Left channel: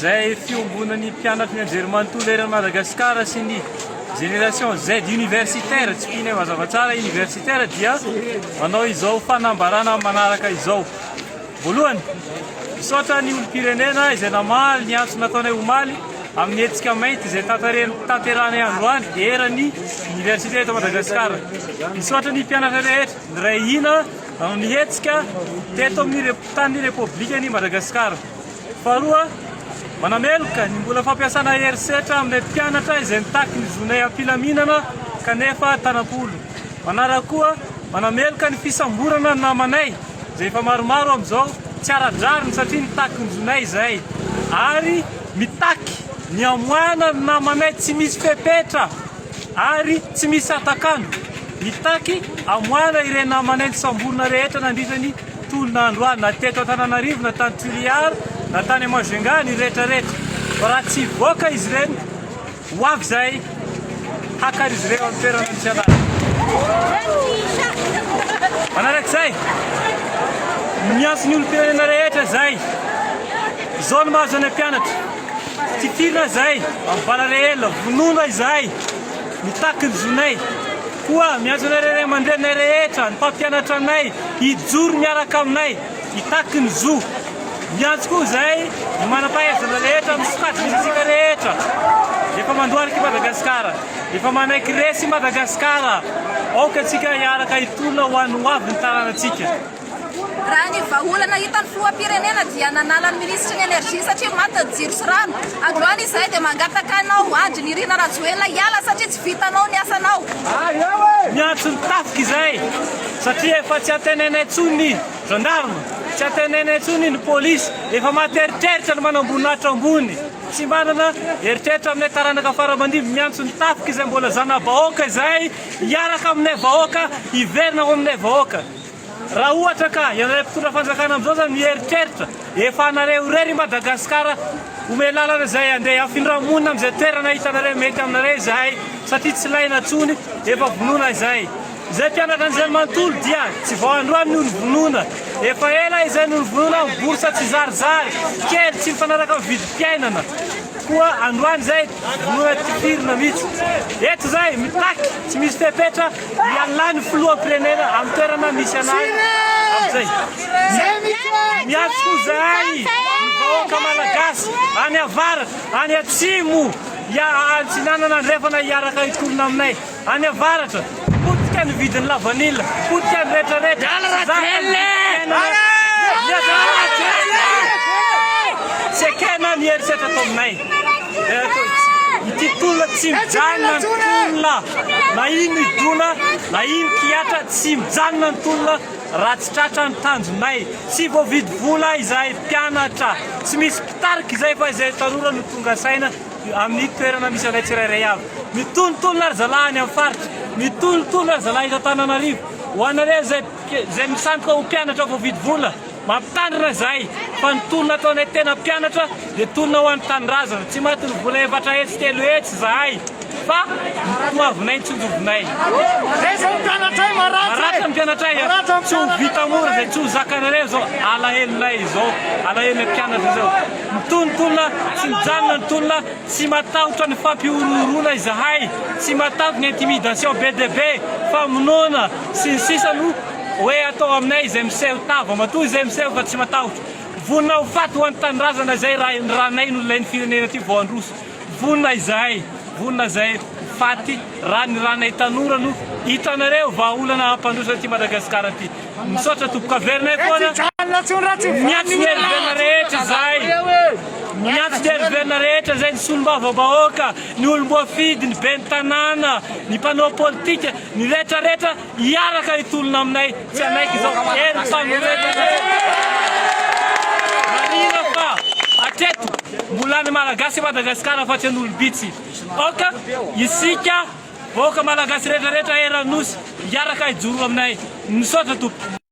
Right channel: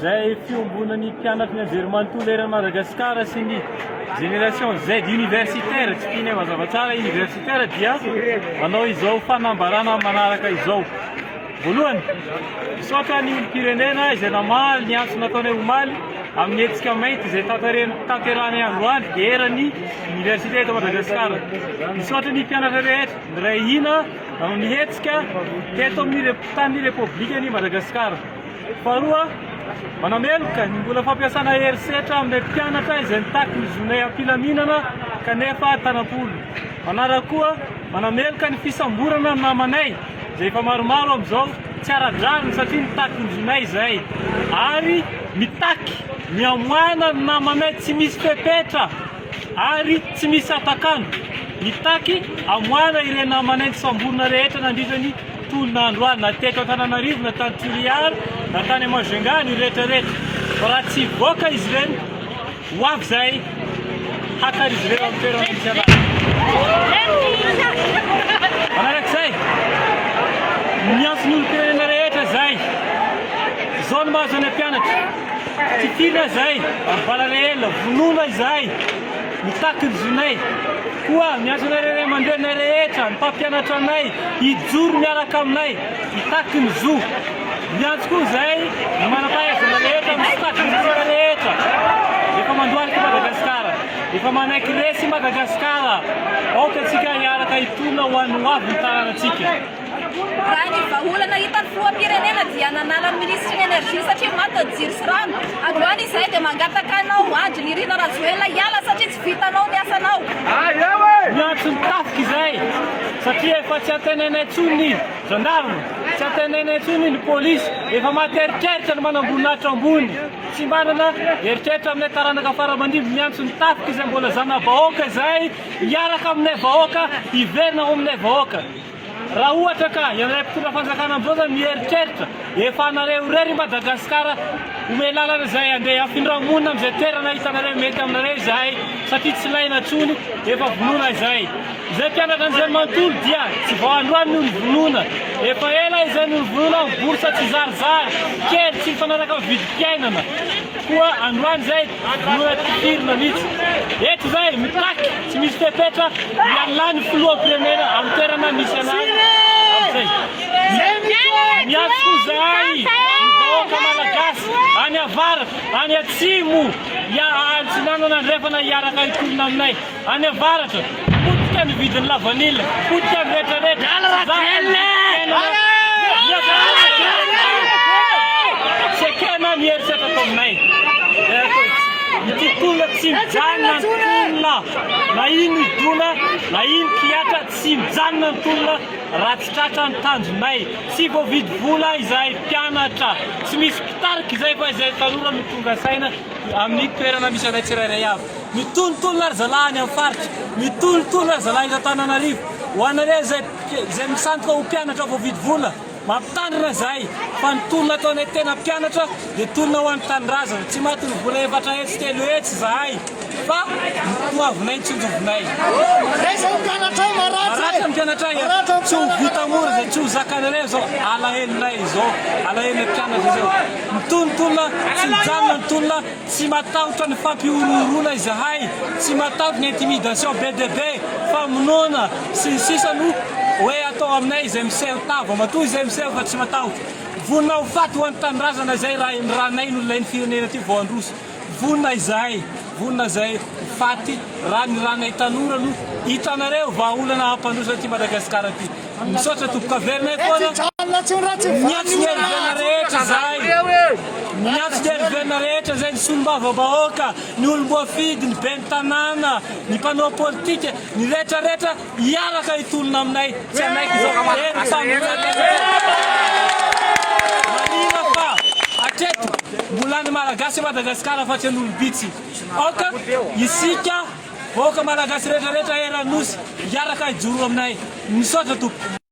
Zay fiombonan'ny mpianatra ny anjerimanontolo eran'ny Madagasikara sy ny génération Z universitaire, tsy tiany mazava tsara universitaire dia manao izao fanambarana manaraka izao. Voalohany, misaotra ny olom-pirenena izay namaly ny antso nataonay omaly amin'ny hetsika mainty izay tanterahany androany eran'ny université eto Madagasikara. Misaotra ny mpianatra rehetra ray hina amin'ny hetsika teto amin'ny tany Repoblikan'i Madagasikara. Faharoa, manameloka ny mbola fampiasana herisetra amin'ny mpianatra izay mitaky ny zonay am-pilaminana kanefa tanam-polo. Manaraka koa, manameloka ny fisamborana ny namanay izay efa maromaro amin'izao tsy ara-drariny satria mitaky ny zonay izay. Ary mitaky ny amoana ny namanay tsy misy fepetra ary tsy misy atakano. Mitaky amoana ireny namanay ny samborona rehetra nandritra ny tolon'andro any, na teto Antananarivo, na tany Toliara, na tany Majunga, ny rehetrarehetra. Fa raha tsy voaka izy ireny, ho avy izay hakary izy ireo amin'ny toerana misy anazy. Manarak'izay, ny antson'ny olom-pirenena rehetra zay, izao no mahazo any mpianatra. Titirina zay, amin'ny valarehela, vonoina izay, mitaky ny zonay. Koa miantsona ray aman-drenay rehetra, ny mpampianatra anay, hijoro miaraka aminay, mitaky ny zo. Miantso koa zay, ny manam-pahaizana rehetra, misokatry ny tsika rehetra. Efa mandoaliky Madagasikara, efa manaiky resy Madagasikara. Aoka antsika hiaraka hitolona ho an'ny hoavy ny tanànatsika. Raha ny vahaolana hitan'ny filoham-pirenena dia nanala ny ministry ny energia satria maty ny jiro sy rano. Androany izay dia mangataka anao Andry Nirina Rajoelina hiala satria tsy vitanao ny asanao. Miantso ny tafika izay satria efa tsy antenainay tsony ny gendarme, tsy antenainay tsony ny polisy, efa maty eritreritra ny manamboninahitra ambony. Tsy manana eritreritra aminay taranaka fara-mandimby. Miantso ny tafika izay mbola zana-bahoaka izay hiaraka aminay vahoaka, hiverina ao aminay vahoaka. Raha ohatra ka ianareo mpitondra fanjakana amin'izao zany mieritreritra efa anareo irery Madagasikara ome lalana izay andeha afindramonina amin'izay toerana hitanareo mety aminareo izay satria tsy laina tsony efa vonoina izay. Izay mpianatra an'izay manontolo dia tsy vao androany noho ny vonoina, efa ela izay noho ny vonoina ny borsa tsy zarizary kely tsy mifanaraka amin'ny vidim-piainana. Koa androany izay vonoina titirina mihitsy. Eto izay mitaky tsy misy fepetra ialany filoham-pirenena amin'ny toerana misy anazy amin'izay. Miantso koa izay ny vahoaka malagasy any avaratra, any atsimo, antsinanana andrefana hiaraka hitolona aminay. Any avaratra, potika ny vidin'ny lavanila, potika ny rehetrarehetra. Sekena ny herisetra atao aminay. Ity tolona tsy mijanona ny tolona, na ino idona, na ino kiatra, tsy mijanona ny tolona raha tsy tratra ny tanjonay. Tsy voavidy vola izahay mpianatra, tsy misy mpitarika izay fa izay tanora no tonga saina amin'ny toerana misy anay tsirairay avy. Mitonotolona ry zalahy any amin'ny faritra, mitonotolona ry zalahy eto Antananarivo. Ho anareo izay misandoka ho mpianatra voavidy vola, mampitandrina izay fa ny tolona ataonay tena mpianatra dia tolona ho an'ny tanindrazana. Tsy maty ny vola efatra hetsy telo hetsy izahay fa mitoavinay ny tsonjovinay. Maratra ny mpianatra tsy ho vita mora izay tsy ho zakanareo izao alahelonay izao, alahelonay mpianatra izao. Mitonotolona, tsy mijanona ny tolona, tsy matahotra ny fampiorohorona izahay, tsy matahotra ny intimidation be dia be, famonoana sy ny sisa no hoe atao aminay izay miseho tava, matoa izay miseho fa tsy matahotra. Vonina ho faty ho an'ny tanindrazana izay ranay no ilain'ny firenena ty vao androso. Vonina izahay, vonina izay faty raha ny ranay tanora no hitanareo vahaolana hampandroso ty Madagasikara ty. Misaotra tompoka averinay foana. Miantso ny heriverina rehetra izay. Miantso ny heriverina rehetra izay ny solombava-bahoaka, ny olom-boafidy, ny ben'ny tanàna, ny mpanao politika, ny rehetrarehetra hiaraka hitolona aminay. Tsy anaiky izao hery mpanoretana. Marina fa hatreto mbola ny malagasy Madagasikara fa tsy an'olom-bitsy. Aoka isika vahoaka malagasy rehetrarehetra eranosy hiaraka hijoro aminay. Misaotra tompo.